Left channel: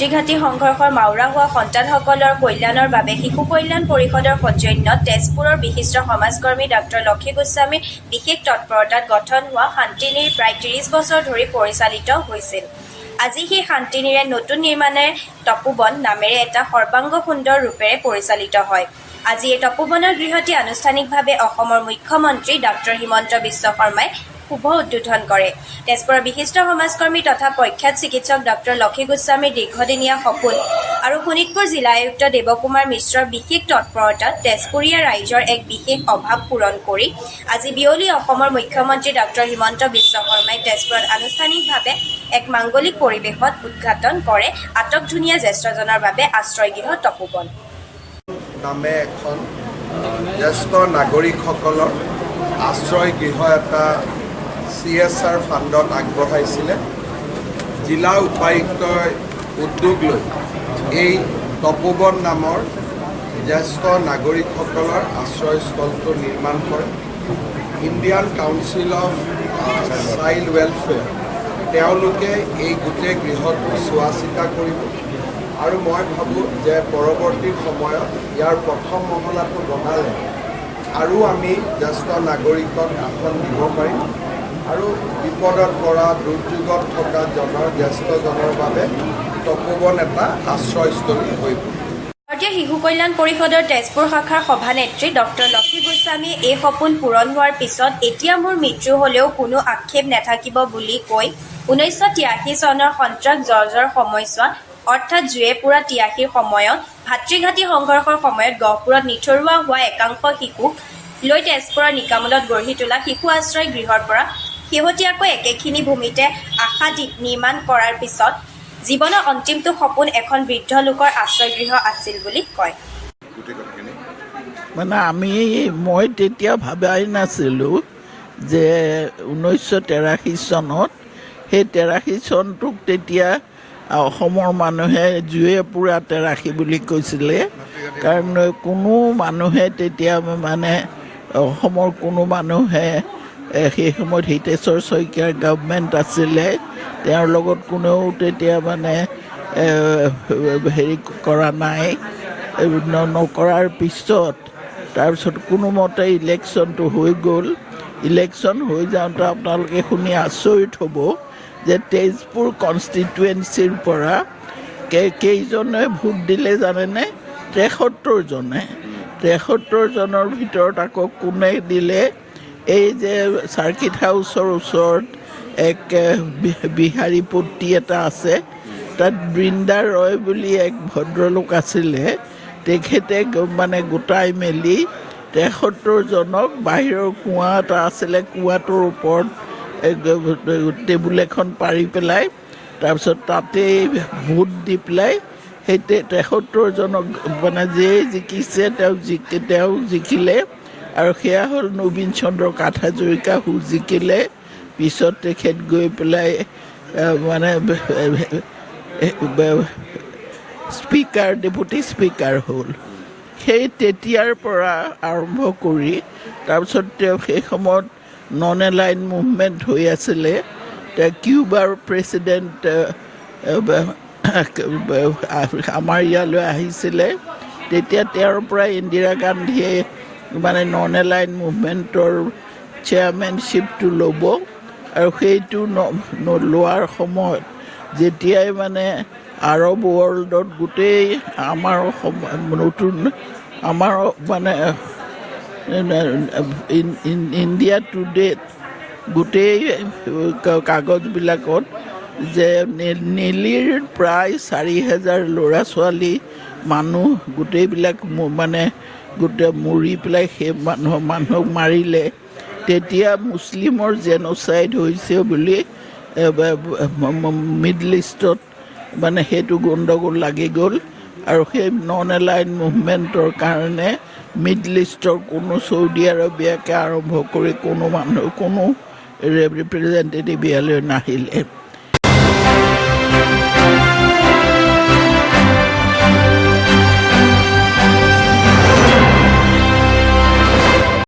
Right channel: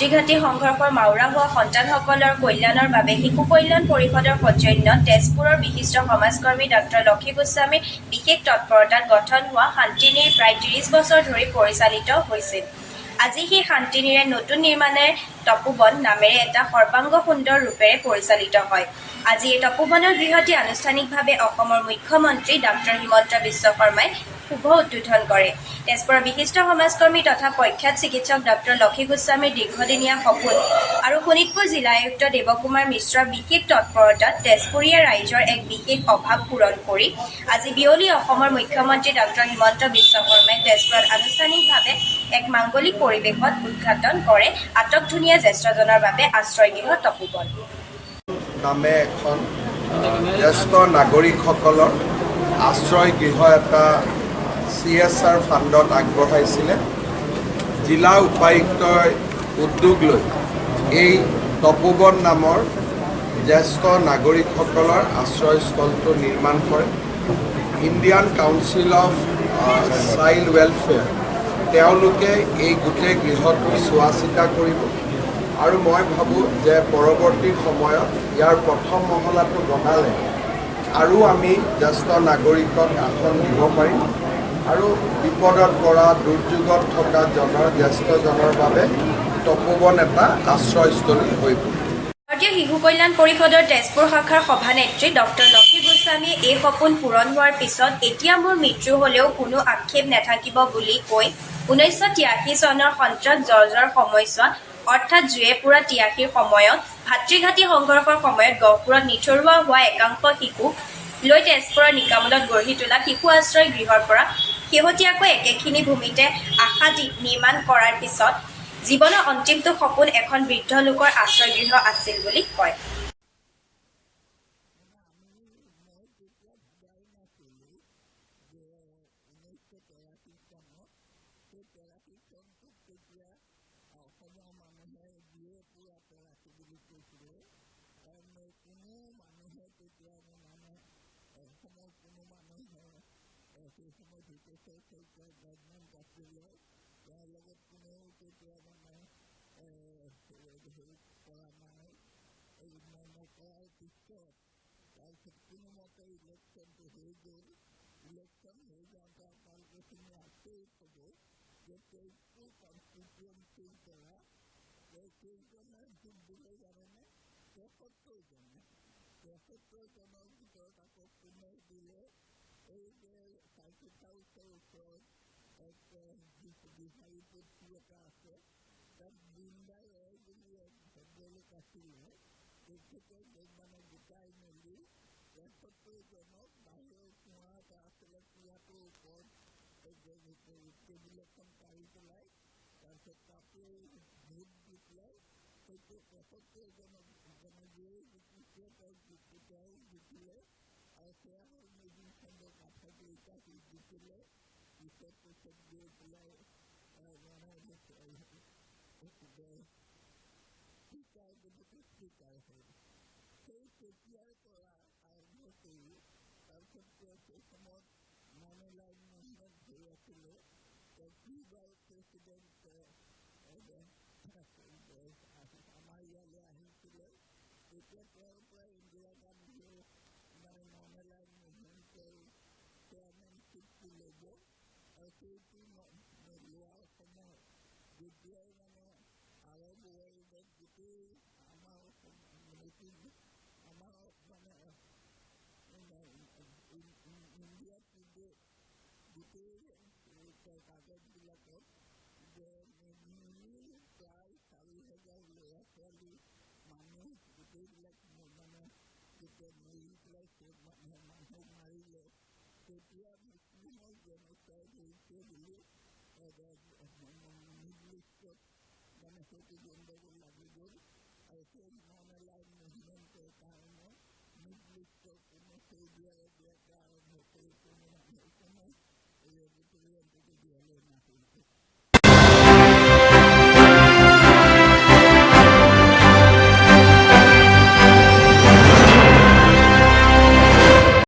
ভাতৃঘাতী সংঘৰ্ষৰ মাউৰা হোৱা সন্তানসকলৰ কল্যাণৰ বাবে শিশু কল্যাণ পৰিষদৰ সৌজন্যত তেজপুৰৰ বিশিষ্ট সমাজকৰ্মী ডাক্তৰ লক্ষী গোস্বামীৰ বিশেষ তৎপৰতাত গঠন হোৱা শান্তিনীৰ প্ৰায় ৩০ বছৰ ধৰি পৰিচালিত হৈছিল। আজি সেই শান্তিনীৰে নতুন নিৰ্মাণেৰে তপোবন নামেৰে এটা সৰ্বাংগ সুন্দৰ ৰূপেৰে পৰিচালিত হয়। আজি এই তপোবনৰ গৃহটি আনুষ্ঠানিকভাৱে অসমৰ মুখ্যমন্ত্ৰী ডাক্তৰ হিমন্ত বিশ্ব শৰ্মাই শুভ উদ্বোধন কৰে। তেজপুৰৰ বিশিষ্ট সমাজকৰ্মী তথা প্ৰখ্যাত চিকিৎসক ডাক্তৰ লক্ষী গোস্বামীৰ দীৰ্ঘদিনীয়া সপোন আৰু শোণিতপুৰ জিলা আয়ুক্ত দেৱকুমাৰ মিশ্ৰৰ বিশেষ তৎপৰতাত তেজপুৰীয়া ৰাইজৰ এক বিশেষ অভাৱ পূৰণ কৰি আজি বিয়লি অসমৰ মুখ্যমন্ত্ৰী ডাক্তৰ হিমন্ত বিশ্ব শৰ্মাই তেজপুৰত আনুষ্ঠানিকভাৱে এক মাংগলিক পৰিৱেশত উদ্ঘাটন কৰে আটকধুনীয়া জ্যেষ্ঠজনৰ বাবে আশ্ৰয়গৃহ তপোবন নামে এখন জ্যেষ্ঠ নাগৰিকসকলৰ আশ্ৰয়গৃহ এটা CSR ফাণ্ডত আগবঢ়াইছিলে। জিলা উপায়ুক্তই উদ্যোগ লৈ এই তপোবন নামৰ জ্যেষ্ঠ নাগৰিকসকলৰ আশ্ৰয়স্থলটো নিৰ্মাণ কৰে। Indian council of child welfare তেওঁলোকে এই গোটেই গৃহটো চোৱা চিতা কৰিব আৰু মই ভাবোঁ যে পৰৱৰ্তী সময়ত ইয়াৰ প্ৰথম মহলাটো বনালে আৰু আমি জ্যেষ্ঠ নাগৰিকক আসন দিব পাৰিম আৰু বিপদত পৰা দুৰ্যোগত থকা জ্যেষ্ঠজনৰ বাবে তপোবন এটা আশ্ৰয়স্থলী হৈ পৰিব। ভাৰতীয় শিশু কল্যাণ পৰিষদৰ তেজপুৰ শাখাৰ সভানেত্ৰী ডক্টৰ লক্ষী গোস্বামীয়ে এই সপোন পূৰণ হোৱাৰ পিছত এতিয়া মোৰ মৃত্যু হ'লেও কোনো আক্ষেপ নাথাকিব বুলি কৈ 1983 চনৰ সন্ত্ৰাস জৰ্জৰ সময়ছোৱাত অৰ্থাৎ জুয়ে পুৰা 83 সময়ত ভাতৃঘাতী সংঘৰ্ষৰ সময়ত গহপুৰত নিথৰুৱা হোৱা একাংশ শিশুক লৈ তেজপুৰৰ নিকামলত গঢ়ি তোলা শিশু আশ্ৰয় গৃহৰ পৰা শেহতীয়াকৈ একেখিনি ভূমিতে আশা নিৰ্মাণ কৰাৰ পিছত জীৱনৰ অন্তিমটো সপোন এখন বৃদ্ধ লোকৰ আশ্ৰয়গৃহ আছিল বুলি কয়। মই তেতিয়া ভাবাই নাছিলোঁ যে 1983 চনত সেই 83 চনটোক তেতিয়া অসমৰ মানুহে জুয়ে পুৰা 83 বুলি কৈছিলে। কাৰণ কোনো মানুহে তেতিয়া অসমৰ কোনো মানুহে সেই সময়ত হিতেশ্বৰ শইকীয়াৰ গভৰ্ণমেণ্ট আছিলে, তেওঁৰ লগত কোনেও তেতিয়া হেৰি কৰা নাই। নকৰাৰ পিছত তাৰপিছত কোনোমতে ইলেকশ্যনটো হৈ গ'ল। ইলেকশ্যন হৈ যাওঁতে আপোনালোকে শুনি আচৰিত হ'ব যে তেজপুৰ কনষ্টিটুৱেঞ্চিৰ পৰা কেইজনে ভোট দিলে জানেনে? 73জনে। 73জনৰ ভিতৰত আকৌ কোনে দিলে? এই যে চাৰ্কিট হাউচৰ ওচৰত এক বিহাৰীপট্টি এটা আছে, তাত বৃন্দা ৰয় বুলি এক ভদ্ৰলোক আছিলে। তেখেতে গোটাই মেলি 73জনক বাহিৰৰ কুঁৱা এটা আছিলে, কুঁৱাটোৰ ওপৰত টেবুল এখন পাৰি পেলাই তাৰপিছত তাতেই ভোট দি পেলাই সেই 73জনক যিয়ে জিকিছে তেওঁ জিকিলে আৰু সেয়া হ'ল নবীন চন্দ্ৰ কাঠহাজৰিকা জিকিলে। পিছত তেখেত গৈ পেলাই স্পীকাৰ ডেপুটি স্পীকাৰ হ'ল। সেই তেতিয়াৰ পৰা আৰম্ভ কৰি তাৰপিছত তেওঁ সেই সময়ত নন এলাইন মুভমেণ্ট হৈ আছিলে। কিউবাৰ প্ৰেছিডেণ্ট আমাৰ ইয়ালৈ আহিছিলে, তেতিয়া তেওঁৰ পৰা ইন্দিৰা গান্ধীয়ে নন এলাইন মুভমেণ্টৰ চেয়াৰমেনশ্বিপটো ল'ব আৰু সেইটো লোৱাৰ সময়ত যেতিয়াই আৰব ৱৰ্ল্ডত গোটেই আমাৰ ইণ্ডিয়া টুডেত গোটেই কাগজবিলাকত যে নেলীৰ প্ৰায় 4,000 ল'ৰা ছোৱালী মানুহ গোটেইবিলাক গোটেই মৰি পেলাই সেই মানুহক মাৰিলে। তেতিয়া মুছলিমৰ জেন'চাইড হৈছে বুলি মিডল ইষ্টত সেইটো গণ্ডগোল লাগি গ'ল আৰু সেই নন এলাইন মুভমেণ্টৰ কাৰণে মিডল ইষ্টৰ কোনো চৌদি আৰবিয়াকে আৰম্ভ কৰি কোনো ৰিপ্ৰেজেণ্টেটিভ ইয়ালৈ নাহিলে।